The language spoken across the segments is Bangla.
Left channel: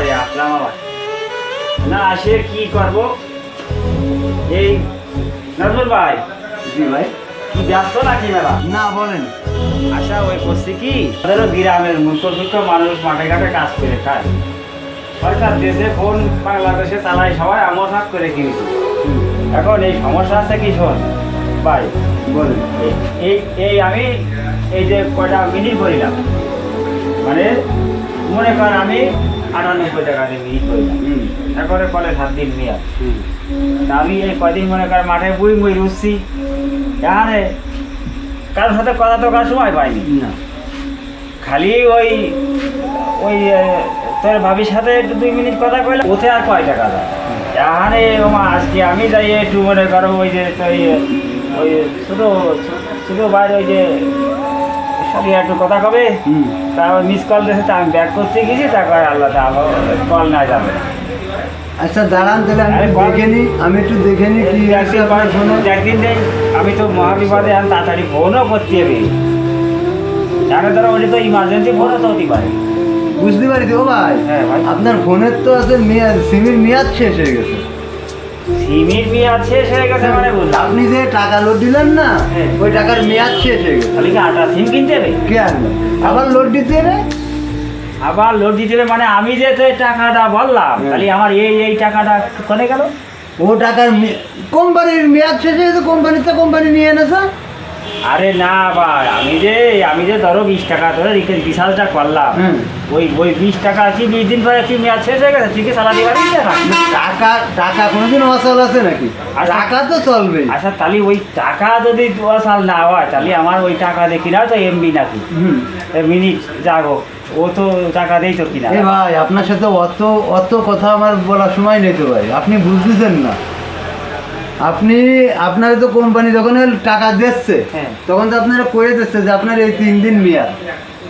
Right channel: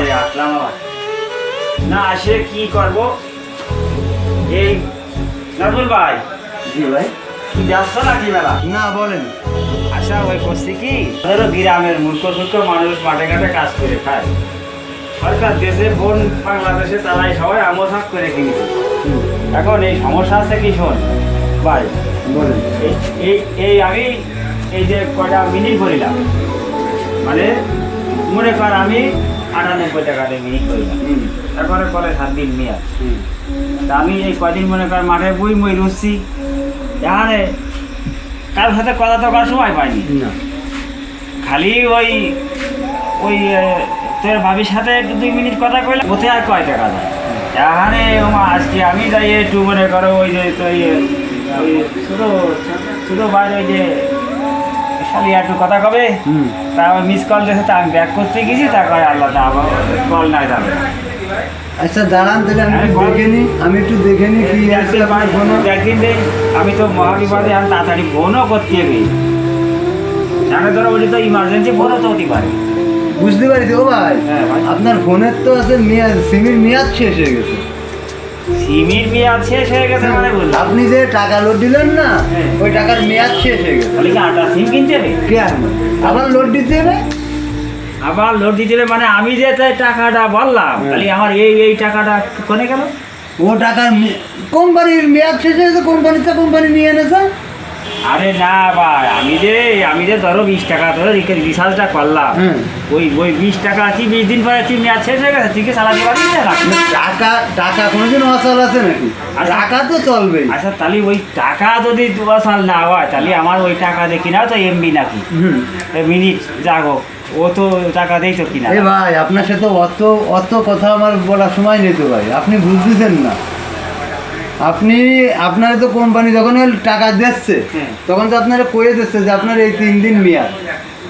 পরে আসলাম আবার না আসে কি করব? এই নাজমুল ভাই। জি ভাই। কি ব্যস্ত নাকি মেলা? না বলেন। আশা ওই করছি কি? তাদেরও গ্রামের মূর্খ সূর্খ মানুষ মাঠে ঘাটে কাজ করে খায়। সরকার দেশে ফোন বাংলাদেশে তারাই সবাই আমল হাত করে কিনছে এখন এই সমস্যা আছে কি শোন? ভাই বলেন। এই- এই আমি এই যে কটা মিনিট করিলাম মানে মনে কর আমি আটানব্বই টাকা দিয়ে মিনিট করিলাম। এখন কলে সাত দিন মেয়াদ তা আমি এই কদিন মনে কর মাঠে বই বই রুচ্ছি এখানে কারোর সাথে কথা তো কার সময় পাইনি। না। খালি ওই ওই তোর ভাবির সাথে একটু দুই মিনিট কথা কইলাম ওতে আর কয় টাকা দেয় এখানে ওমা আজকে আমি যাই একটু মনে করো ওই যে তুই ওই ছোটো ছোটো বাইরে ওই যে খালি একটু কথা কবে? হুম। তা মিস কল দিয়েছে তা আমি ব্যাক করতে গেছি তা কয় আল্লাহ তা কল না যাবে। আচ্ছা দাঁড়ান তাহলে আমি একটু দেখে নিই আমি একটু দেখে নিই কি আছে আপনার ফোনে একদিন নেই আমি তো মহাবিপদে আর তাড়াতাড়ি ফোনও করতে হবে। জানো ধরো ওটা তো ইমার্জেন্সি ফোনও তো হতে পারে। বুঝতে ও ভাই হ্যাঁ, ভাই। আপনার ফোনের তো আছে মেয়াদ সিমের মেয়াদ শেষ হয়ে গেছে। সিমির মেয়াদ শেষ হয়ে গেছে মানে বুঝলাম। আপনি যে টাকা লোড দিলেন না হ্যাঁ। ওই টাকার মেয়াদ শেষ হয়ে গেছে। তাহলে কি আটা সিম কিনতে হবে? কে আবার লোড দিতে হবে? আবার লোড দিতে হবে মানে আমি যে টাকাটা বললাম খালি আমার এই এই টাকাটা কোনে গেল? ও টাকার কোম্পানির মেয়াদ শেষ হয়ে গেছে কোম্পানিতে কোম্পানি নিয়ে এনেছে? আরে না ভাই আমি যে আমি যে ধরো বিশ টাকা ধরো রিচার্জটা করলাম ওই ওই বিশ টাকা আছে বিশ দিন পরে কি মেয়াদ শেষ হয়ে গেছে তুই কি সারা দিবার টাকা টাকা কোনোদিন অচল আছে নাকি? আচ্ছা। টাকা তো চলবেই। আচ্ছা তাহলে ওই টাকা যদি সাল না হয় তাহলে আমার ওই টাকা দিয়ে কিনাও তো এমবি নাকি? মিনিট যাগো ও তো টাকা দেই তো কিনা ভাই আপনার সাথে অত অত কথা আমার বলার সময় নেই তো ভাই আপনি বুঝতেছেন না। আপনি আপনার তো কোম্পানি যখন টাকা দিচ্ছে হ্যাঁ। তখন তো আপনারা কয়ে দিচ্ছে যে আপনার এই তিন দিন মেয়াদ।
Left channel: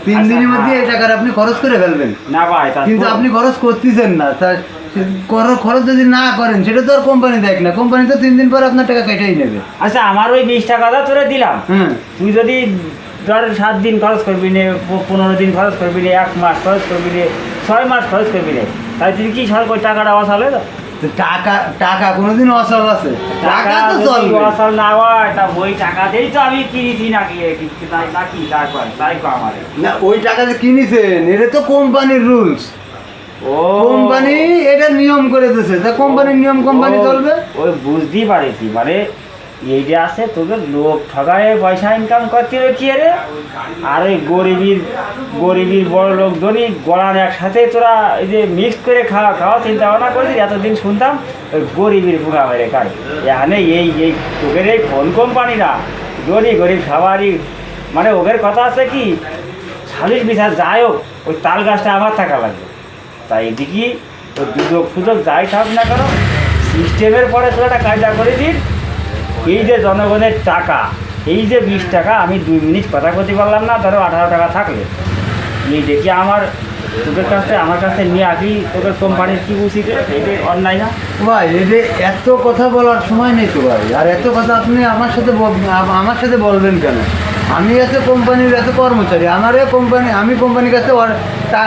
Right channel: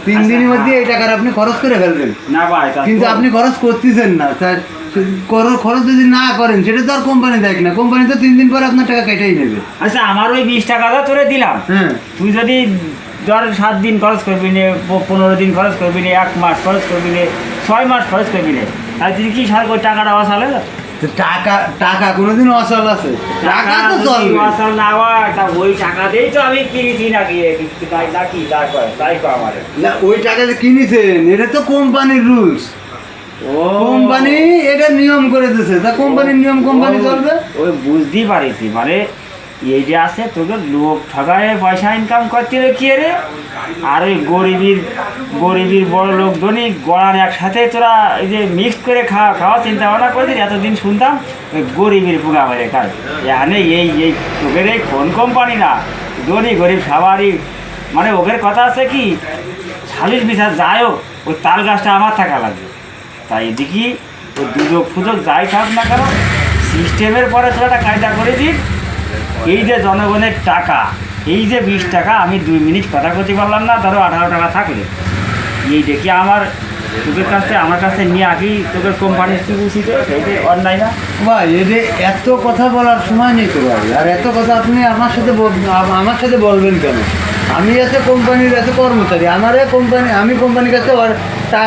তিন আচ্ছা, দিনের হ্যাঁ। মধ্যে এই টাকার আপনি খরচ করে ফেলবেন। না ভাই কিন্তু আপনি খরচ করতেছেন না। খরচ যদি না করেন সেটা তো আর কোম্পানি দেখ না। কোম্পানি তো তিন দিন পর আপনার টাকা কেটেই নেবে। আচ্ছা আমার ওই বিশ টাকাটা তোরে দিলাম। হ্যাঁ। তুই যদি ধর সাত দিন খরচ করবি নে পনেরো দিন খরচ করবি নে এক মাস খরচ করবি নে ছয় মাস খরচ করবি নে তাই তুই কি সরকার টাকাটা অসাল? তো টাকা টাকা কোনোদিন অসল আছে। টাকা তো চলবে। অসাল না হয় তা ওই টাকাতেই তো আমি কিনেছি নাকি? তাই নাকি তাই কয় তাই কয় আমারে না ওই টাকা যে কিনেছেন এটা তো কোম্পানির রুলস। ও। কোম্পানি এটা নিয়ম করে দিয়েছে। তা কোম্পানির নিয়ম কোম্পানি চলবে? ওই বুঝতেই পারেছি মানে এই যে আছে, তোকে লোক ঠগায়, পয়সা ইনকাম করতে হবে কি রে? আর ওই গরিবির গরিবির বড় লোক ধনী গড়ান একসাথে তোরা এই যে মিক্স করে খাওয়া খাওয়া চিন্তা ভাবনা করছিস, এতদিন শুনতাম ওই গরিবের বুকা মেরে খায়। এখানে এই এই তোদের এই ফোন কোম্পানিরা ধনী, গরিব সবারই মানে ওদের কথা আছে কি সালিশ বিচার যাই হোক, ওই তাল গাছটা আমার থাকা লাগবে। তাই এদিকে ওই দুযোগ ফুযোগ যাই থাক না কেন সিস্টেমের পরে তোরা একটা কায়দা করে দিন এই যে জনগণের টাকা, এই যে বিশ টাকা, আমি দুই মিনিট কথা করতে পারলাম না, ধরো আঠারো টাকা থাকলে। এই দেখি আমার, তোদের কাছ আমার কাছে নিয়ে আসি তোদের কোম্পানির কি উচিত? এই যে অন্যায় না? ভাই এটা এত কথা বলার সময় নেই তো ভাই, আর এত কথা আপনি আমার সাথে আমার সাথে বলবেন কেন? আমি আছে কোম্পানির আছে কর্মচারী, আমারে কোম্পানি আমি কোম্পানির কাছে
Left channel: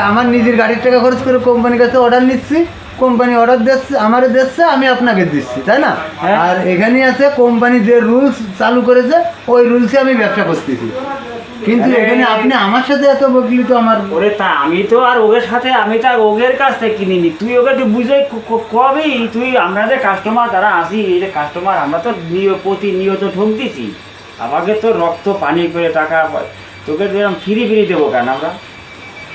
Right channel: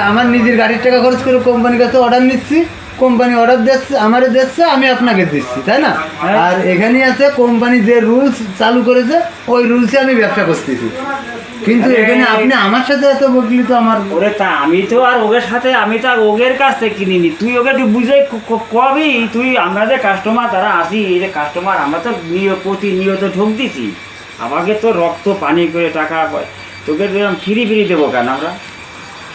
আমার নিজের গাড়ির টাকা খরচ করে কোম্পানির কাছে অর্ডার নিচ্ছি। কোম্পানি অর্ডার দিচ্ছে আমারে দিচ্ছে আমি আপনাকে দিচ্ছি তাই না? হ্যাঁ। আর এখানে আছে কোম্পানি যে রুলস চালু করেছে ওই রুলসে আমি ব্যবসা করতেছি। কিন্তু এখানে আপনি আমার সাথে এত বকলি তো আমার ওরে তা আমি তো আর ওদের সাথে আমি তো আর ওদের কাছ থেকে কিনিনি। তুই ওকে একটু বুঝে কবি তুই আমরা যে কাস্টমার তারা আসি এই যে কাস্টমার আমরা তো নিয় প্রতিনিয়ত ঠক দিছি। আমাকে তো রক্ত পানি করে টাকা তোকে ফ্রি ফ্রি দেবো কেন আমরা?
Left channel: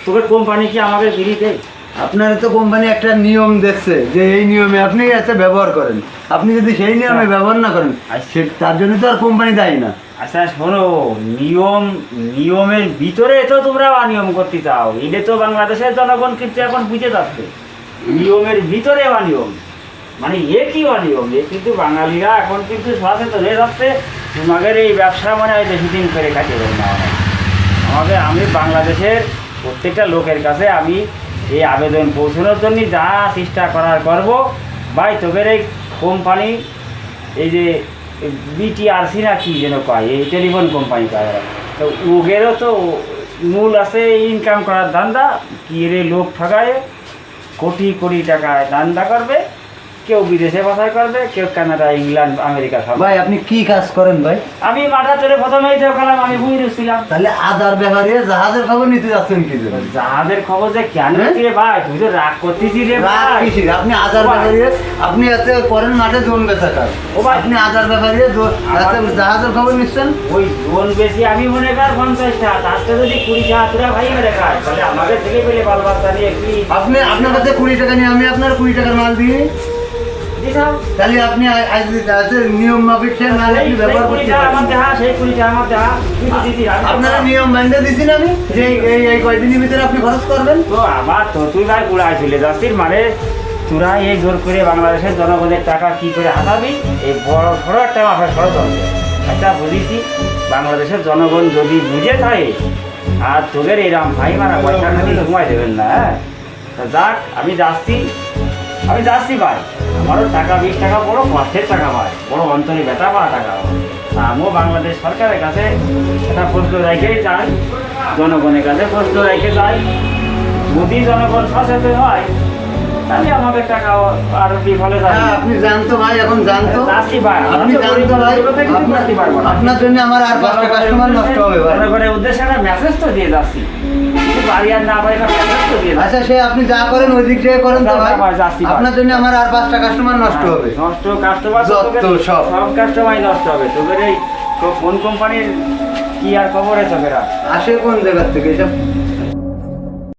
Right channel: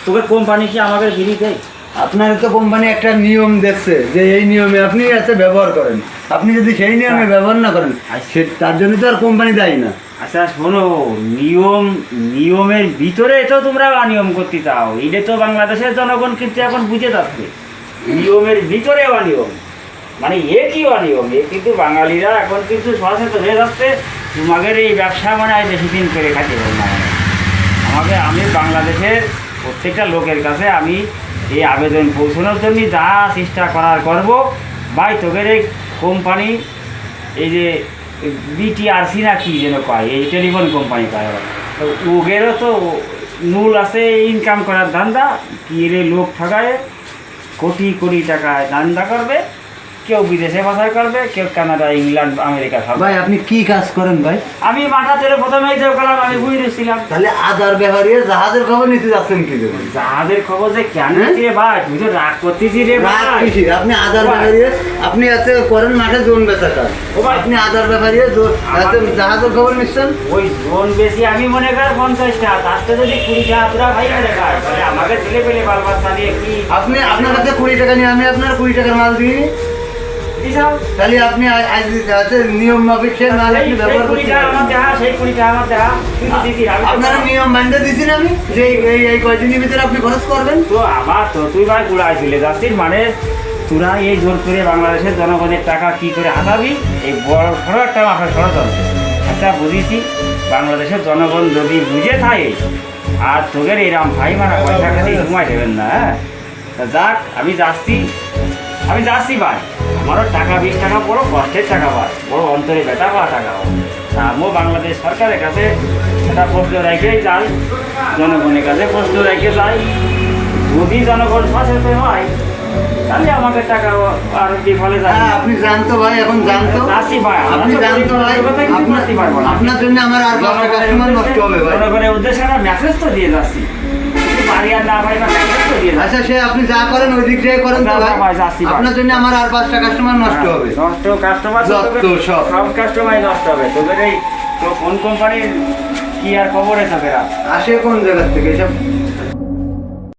তোকে কোম্পানি কি আমাকে ফ্রি দেয়? আপনার তো কোম্পানি একটা নিয়ম দেখছে যে এই নিয়মে আপনি এতে ব্যবহার করেন। আপনি যদি সেই নিয়মে ব্যবহার না করেন সে তার জন্য তো আর কোম্পানি দায়ী না। আচ্ছা শোনো নিয়ম নিয়মের ভিতরে তো তোমরা অনিয়ম করতে চাও। এটা তো বাংলাদেশের জনগণ কিন্তু এখন বুঝে যাচ্ছে। নিয়মের ভিতরে অনিয়ম। মানে এ কি অনিয়ম। এ কিন্তু বাঙালিরা এখন কিন্তু সচেতন হয়ে যাচ্ছে। তোমাদের এই ব্যবসা মানে আজ বেশি দিন করে খাইতে না। আমাকে আমি বাংলাদেশের প্রত্যেকটা লোকের কাছে আমি এই আবেদন পৌঁছানোর জন্য যা চেষ্টা করার করব। ভাই, তোদের এই কোম্পানি এই যে বিটিআরসি না কি যেন কয়, এই টেলিফোন কোম্পানি কয় তো ওগেরও তো মূল আছে ইনকাম করার ধান্দা। কি রে লোক ঠকায় কোটি কোটি টাকায় ধান্দা করবে। কেউ বিদেশে বাসায় করবে কেউ কানাডা ইংল্যান্ড আমেরিকা খাবে। ভাই আপনি কি কাজ করেন ভাই? আমি মাথা তেরে প্রথমেই তো গেলাম আমি বুঝে ছিলাম তাহলে আদার ব্যাপারে জাহাজের খবর নিতে যাচ্ছেন কি জাহাজের খবর যে কেন হ্যাঁ? ভাই? তুই তো রাগ করতেছি রে ভাই। আপনি আদার ব্যাপারে আপনি এতে করেন মাঠে জোন বেচা কাজ ও ভাই। আপনি আদার ব্যাপারে জাহাজের খবর নিচ্ছেন? ওই জোন বেশি আমি মনে কর পঞ্চাশ টাকা তার যদি কুড়ি টাকা ভাই খায় তাহলে আমাকে ছেলে পেলে বাল বাচ্চা নিয়ে কি আপনি আপনার কাছে কুড়ি টাকা নিয়ে আমি আপনার কুড়ি টাকার মাল দিই? তাহলে আপনি নিয়ম মাফিক সে সেই- আপনি ব্যবহার করতে আপনারা নিয়ম মানতে দিছি না আমি? যে এই- এই কয়দিনের ভিতরে আপনি খরচ করবেন? তো আমার তো তুই ভাই গুড়ায় চলে যাচ্ছিস মানে তোরা এই জোর করে বাংলাদেশের জনগণের টাকা কি করে হাতাবি? এই বড় সড়ো একটা মাথায় ষড়যন্ত্র আচ্ছা বুঝেছি। বাংলাদেশের জনগণ যদি বুঝে থাকে আর তোদের এরম ভাই মারা পয়সা খালি ঘুমাই দেবেন না হ্যাঁ? তা যাক আমি যাচ্ছি। আমি যাচ্ছি ভাই। আমারও টাকা বিশ টাকা বড় কষ্টের টাকা পায়। বড় অন্তরে ব্যথা পাওয়া টাকা তা আমিও বাংলাদেশ সরকারের কাছে একটা প্রশ্ন রেখেই যাই জনগণের কাছে প্রশ্ন রেখে যাই। যদি জনগণ সচেতন হয় তাহলে আমাদের টাকা আরও হ্যাঁ আপনি জানতো ভাই এখন জানতো। ভাই আপনি জানতো ভাই আপনার জন্য আমার আর পাঁচটা কাস্টমার নষ্ট হবে ভাই। উদ্দেশ্যে একটা মেসেজ তো দিয়ে যাচ্ছি। আচ্ছা সে আপনি যা করেন ওই দিক থেকে করেন আপনার জন্য আমার আর পাঁচটা কাস্টমার নষ্ট হ্যাঁ, হবে। নষ্ট কাস্টমার সব। সব কাস্টমার নষ্ট হবে। তোদের এই তো কোন কোম্পানির কি আর খবর আছে আসে কোন জায়গার থেকে? এসব